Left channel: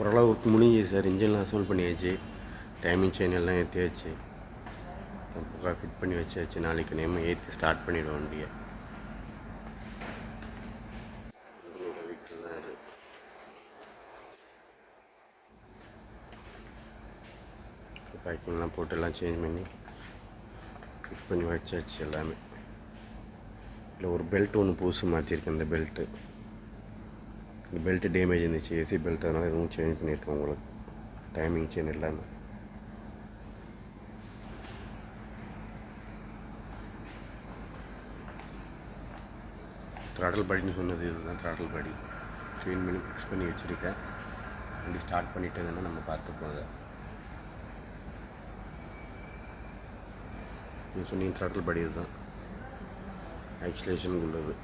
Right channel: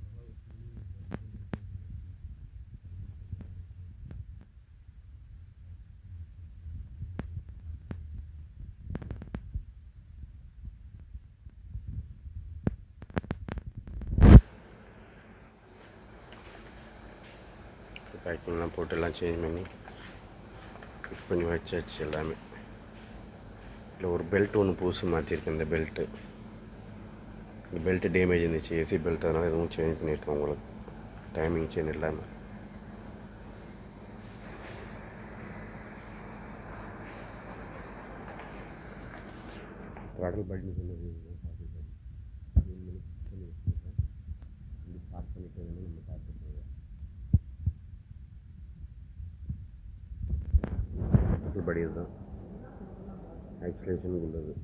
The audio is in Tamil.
ஓரளவுக்கு முடிஞ்சு சார். இன்ஜின்லாம் அசம்பிள் பண்ணியாச்சு, டைமிங் செயின் எல்லாம் ஏற்றியாச்சு, ஃபிட் பண்ணி வச்சாச்சு. நாளைக்கு நேரம் ஏற்றி ஸ்டார்ட் பண்ணிவிடுவோம் வண்டியை. பேக்கிங்லாம் போட்டு எல்லாம் சேஞ்ச் பண்ணி ஃபிட் பண்ணி வச்சாச்சு எல்லாமே. இல்லை ஒரு பெல்ட் ஒன்று புதுசு மாற்றிருக்கேன். இந்த பெல்ட்டு டேமேஜ் இருந்துச்சு, ஏசி பெல்ட். அதனால் எதுவும் சேஞ்ச் பண்ணியிருக்கேன் உங்களுக்கு. டைமிங் செயின் எல்லாமே. த்ராட்டில் பாடின்னு சொன்னது இதுதான். த்ராட்டில் பாடி க்ளீன் பண்ணி ஃபிக்ஸ் பண்ணி வச்சுருக்கேன். வண்டி ஸ்டார்ட் பண்ணிவிட்டு நம்ம பார்த்துப்போம். அதை நீங்கள் சொன்னீங்க த்ராட்டில் பாடி இதுதான், ஆக்சிலேஷனுக்கு உள்ளது.